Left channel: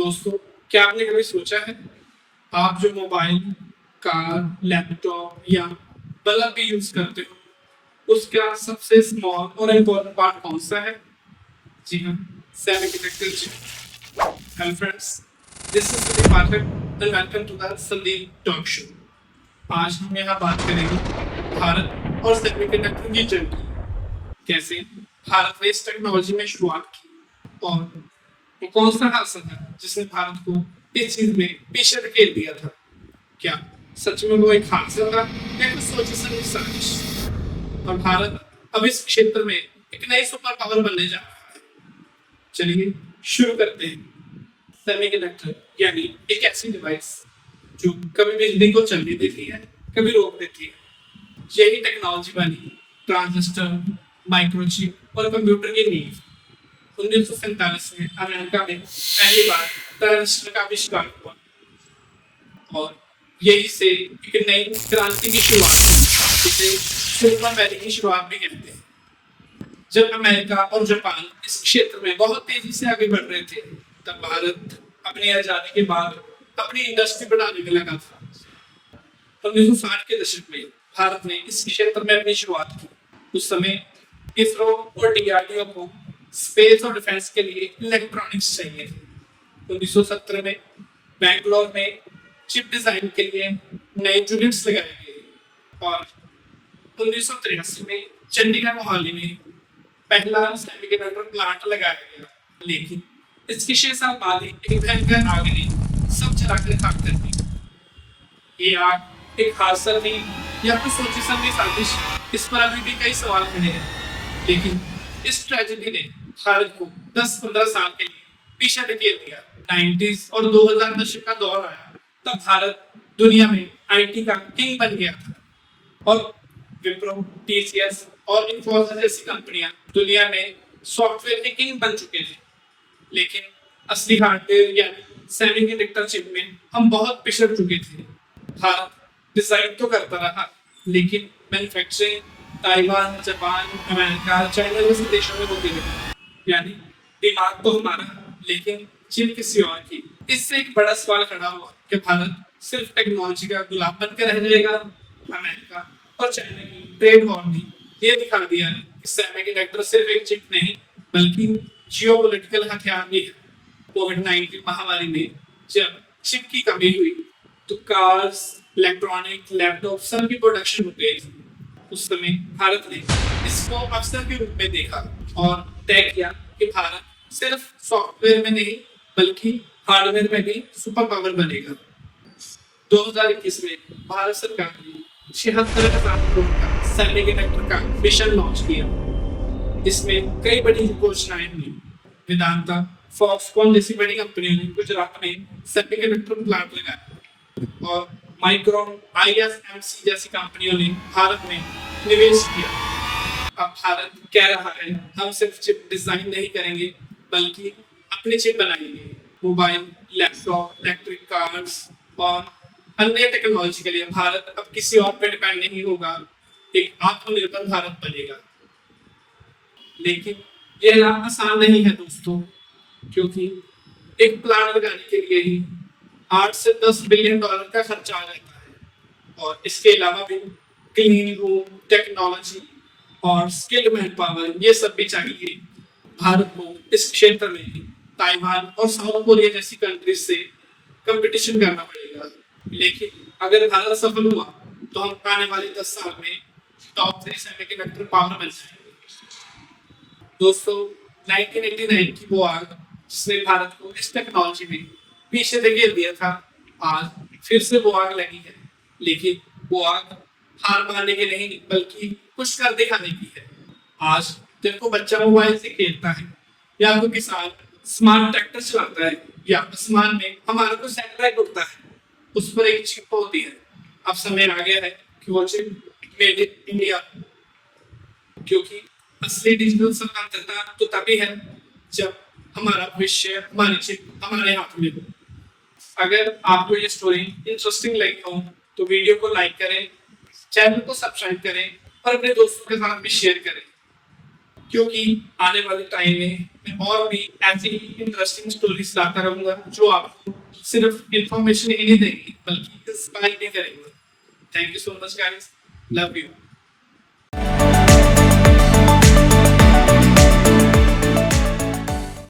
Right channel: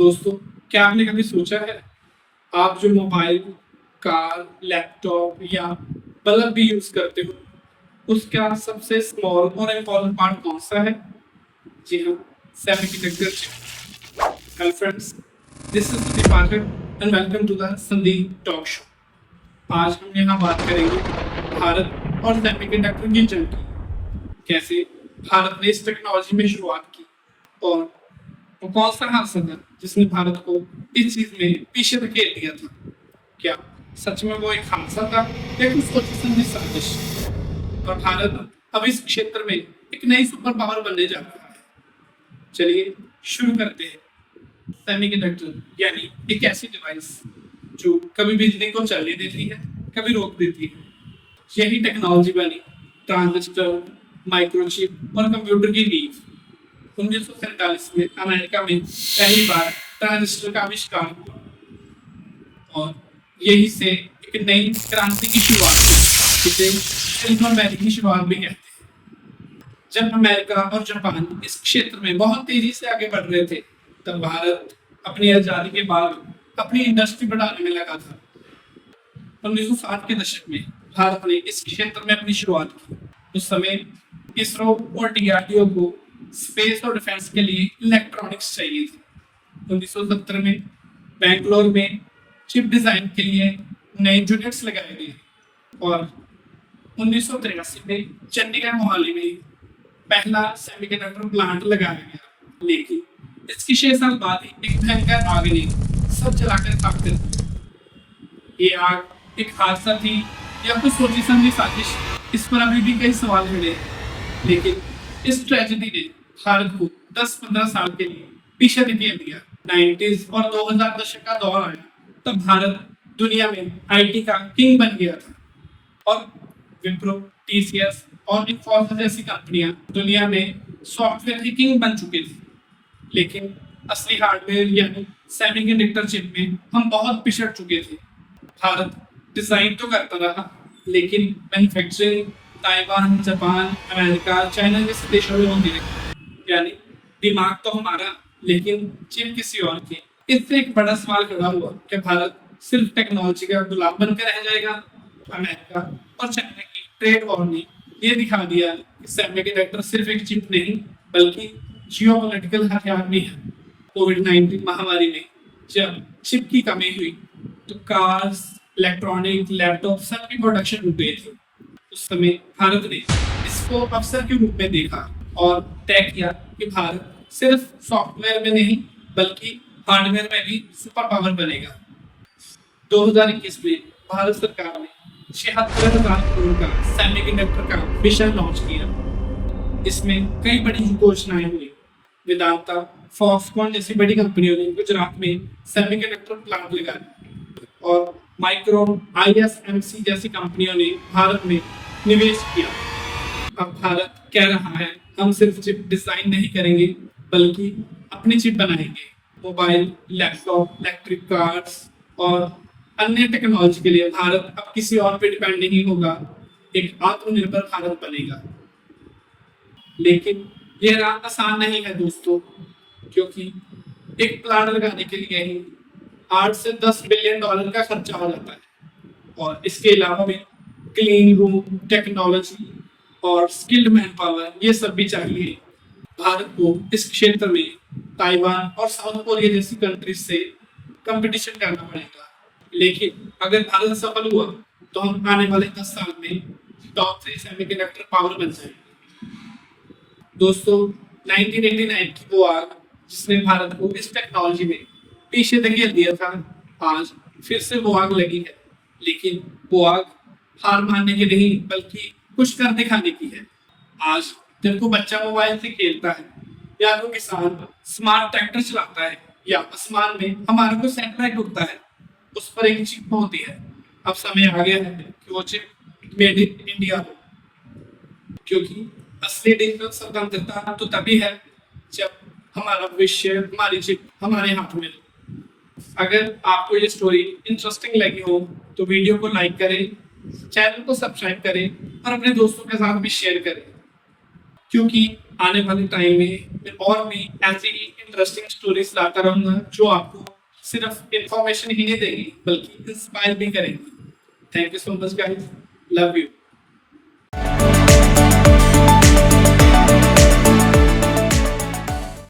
दोस्तों, क्या आपने कभी सोचा है आप जो मोबाइल, कार, लैपटॉप या बल्ब भी यूज करते हो, उसका सबसे स्मॉल और इम्पोर्टेंट पार्ट कौन सा है? जी हाँ, semiconductor chip. Hello friends, this is Sandeep Pathak and welcome to the Sandeep talk show. आज हम यहाँ बात करेंगे भारत और सेमीकंडक्टर की जंग की। कैसे भारत ने इस टेक्नोलॉजी में शुरुआत की और वो कौन सा हादसा था जिसने भारत को इस चीज में पीछे धकेल दिया था? क्या सच में वो एक हादसा था या कुछ सोची समझी साजिश? और भारत अब इस क्षेत्र में एक नई सुपर पावर बनने जा रहा है। चलिए शुरू करते हैं। सेमीकंडक्टर यानी एक ऐसी डिवाइस जो कभी बिजली को चलने देती है, कभी रोक देती है। यही टेक्नोलॉजी बनी ट्रांजिस्टर, माइक्रोचिप और कंप्यूटर की नींव। 1947 में अमेरिका में पहली बार ट्रांजिस्टर का आविष्कार हुआ और यही से एक नई क्रांति की शुरुआत हुई, जिसे सिलिकॉन वैली की शुरुआत भी कहते हैं। जब अमेरिका और जापान इस क्षेत्र में बहुत तेजी से आगे बढ़ रहे थे, तब भारत अपनी आजादी के बाद अपनी इंडस्ट्री बढ़ाने में लगा था। 1960 के दशक में भारत ने इस क्षेत्र में अपनी शुरुआत की। उस समय इसरो और डीआरडीओ को स्पेस और डिफेंस के लिए इलेक्ट्रॉनिक्स चाहिए थे। 1970 में बेंगलोर में चिप डिजाइन के लिए नए यूनिट्स लगाए गए और 1983 में चंडीगढ़ मोहाली में पहला सेमीकंडक्टर प्लांट लगाया गया। लेकिन इसके 6 साल बाद ही एक भयंकर आग ने सब जलाकर खाक कर दी। ये आग एक हादसा थी या कुछ सोची समझी साजिश? इस पर अभी भी कई सवाल खड़े हैं। लेकिन इस ट्रेजेडी ने भारत को 10-15 साल के लिए पीछे धकेल दिया। 90s और 2000 दशक का दौर आया, तब भारत दुनिया में आईटी का किंग बन गया था और विप्रो, टीसीएस और इन्फोसिस जैसी कंपनियां दुनिया में सॉफ्टवेयर के किंग बन चुके थे। लेकिन असली हार्डवेयर यानी सेमीकंडक्टर चिप में हम बहुत पिछड़ चुके थे। भारत डिजाइन तो करता रहा, लेकिन manufacturing Taiwan, Japan, America, China जैसे देशों में होती रही। यानी दिमाग तो हमारा, लेकिन चिप किसी और की। इससे एक बड़ा सवाल खड़ा हुआ कि भारत सिर्फ टेक्नोलॉजी का गुलाम बनकर रह जाएगा। अमेरिका और चाइना की ट्रेड वॉर ने ये दिखा दिया कि सेमीकंडक्टर सिर्फ एक चिप नहीं, बल्कि जियोपॉलिटिकल हथियार भी है। कोविड-19 महामारी में जब चिप की कमी हुई, तो कार्स, इलेक्ट्रॉनिक, लैपटॉप सब की प्रोडक्शन रुक गई थी। उस समय भारत ने इसको अवसर के रूप में देखा और तय किया कि भारत सिर्फ सॉफ्टवेयर में नहीं, बल्कि हार्डवेयर में भी सुपर पावर बनेगा। 2021 में भारत सरकार ने 76,000 करोड़ का सेमीकंडक्टर का मिशन लॉन्च किया। इसमें कई बड़ी घोषणाएं हुई। वेदांता, फॉक्सकॉन जैसी बड़ी कंपनियों ने गुजरात में सेमीकंडक्टर प्लांट लगाया और माइक्रोन, आईएसएमसी जैसी कंपनियों ने भारत में निवेश किया। अब भारत कह रहा है, हम सिर्फ चिप डिजाइन नहीं करेंगे, बल्कि अपनी चिप बनाएंगे। मोबाइल, लैपटॉप, इलेक्ट्रिक कार्स और अन्य टेक्नोलॉजी के लिए भारत अब किसी और पे डिपेंड नहीं होगा, एक आत्मनिर्भर भारत बनेगा। लेकिन यह राह आसान नहीं है दोस्तों, क्योंकि एक प्लांट लगाने के लिए ही 8 से 10 बिलियन डॉलर का खर्चा आ जाता है और इसके अलावा भी क्लीन रूम, टेक्नोलॉजी और स्किल्ड मैन पावर, ये सब भी चाहिए। भारत को इस क्षेत्र में ताइवान और साउथ कोरिया जैसी कंट्रीज से कंपटीशन करना पड़ेगा। लेकिन अगर भारत सफल हुआ, तो हम आने वाले 10 साल में टॉप 3 सेमीकंडक्टर पावर बन जाएंगे। दोस्तों, 1989 की वो आग जिसने भारत को इस टेक्नोलॉजी में पीछे धकेल दिया था, आज फिर से वो आग लगी है। लेकिन वो आग हार मानने की नहीं, बल्कि कुछ कर दिखाने की है। आज जब कोई बच्चा मोबाइल से खेलता है या कोई किसान स्मार्ट ट्रैक्टर चलाता है या आसमान में हमारा कोई सैटेलाइट उड़ता है, उस पर एक चिप होती है। अब समय आ गया है कि वो चिप मेड इन इंडिया हो, क्योंकि असली डिजिटल स्वतंत्रता तो तभी है जब हमारा भविष्य, हमारी चिप हमारे हाथ में हो। अगर आपको ये स्टोरी इंटरेस्टिंग लगी हो, तो वीडियो को लाइक करें, चैनल को सब्सक्राइब करें और अपने दोस्तों के साथ भी शेयर करें। क्योंकि आने वाले टाइम में मैं और भी ऐसी ही इंटरेस्टिंग स्टोरीज लाता रहूंगा जो आपको सिर्फ इंफॉर्मेशन ही नहीं देगी बल्कि इंस्पायर भी करेंगी। Thank you so much guys, love you.